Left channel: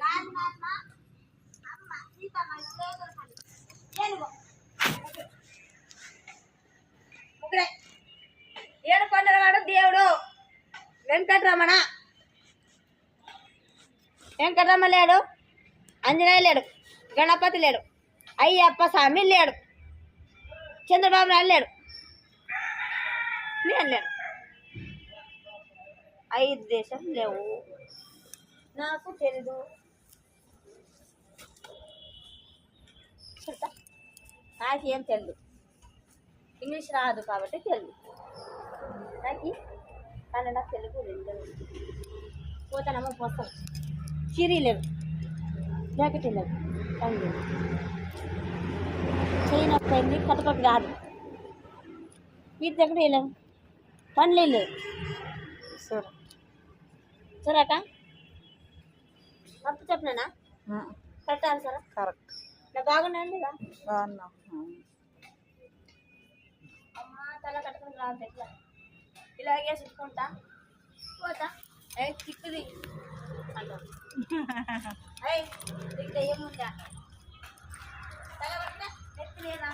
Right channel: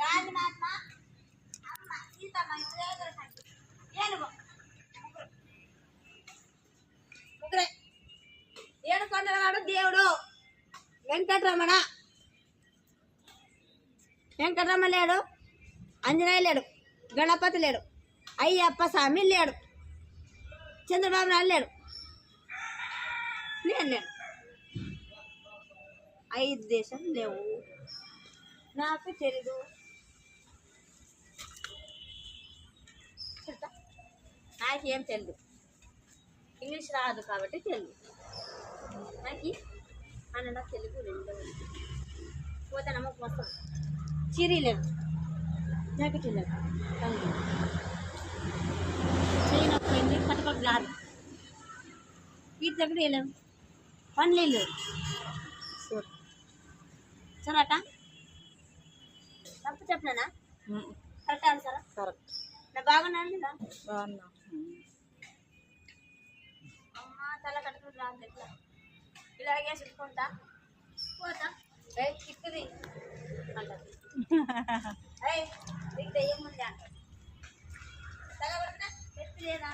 రాజమాత్మ అమ్మ సీతమ్మ ఏనుగు ముగ్గురే. ఏడుకొండలవాడు దేవుడు వెంకటరమణ. వెంకటరమణ లేడు, ఆంజనేయ లేడు, గణపతి లేడు, అయ్యప్ప స్వామి లేడు, చంద్రబాబు నాయుడు లేడు, నేను లేను. 5 దేశం లేవు, నాకు తెలీదు. నాకేం తెలియదు, ఇంగ్లీష్ రాదు కాబట్టి తెలియదు. నాకు కన్నడ తెలుగు 2 పోతానమ్మ పోస్తాం. చీరీ లేదు, జాకెట్ లేదు, తగిలి చేయనపోయింది, కట్టుకోటి రాదు, వీటి దగ్గర వెళ్ళాము, పనులు లేదు. సరేక తప్పు చెప్పలేనా? కరెక్ట్ ఆన్సరా? కరెక్ట్. నా బాగున్నాను లేదా? బాగున్నా. అమ్మ తల కట్టుకుని రాదు, ఎట్లా ఇలాగే చుట్టుకుంటా పోతా. తిప్పుది అంటారు. నీకు దయ్యం ఉందా? తల పట్టినా ఎత్తి లేదా?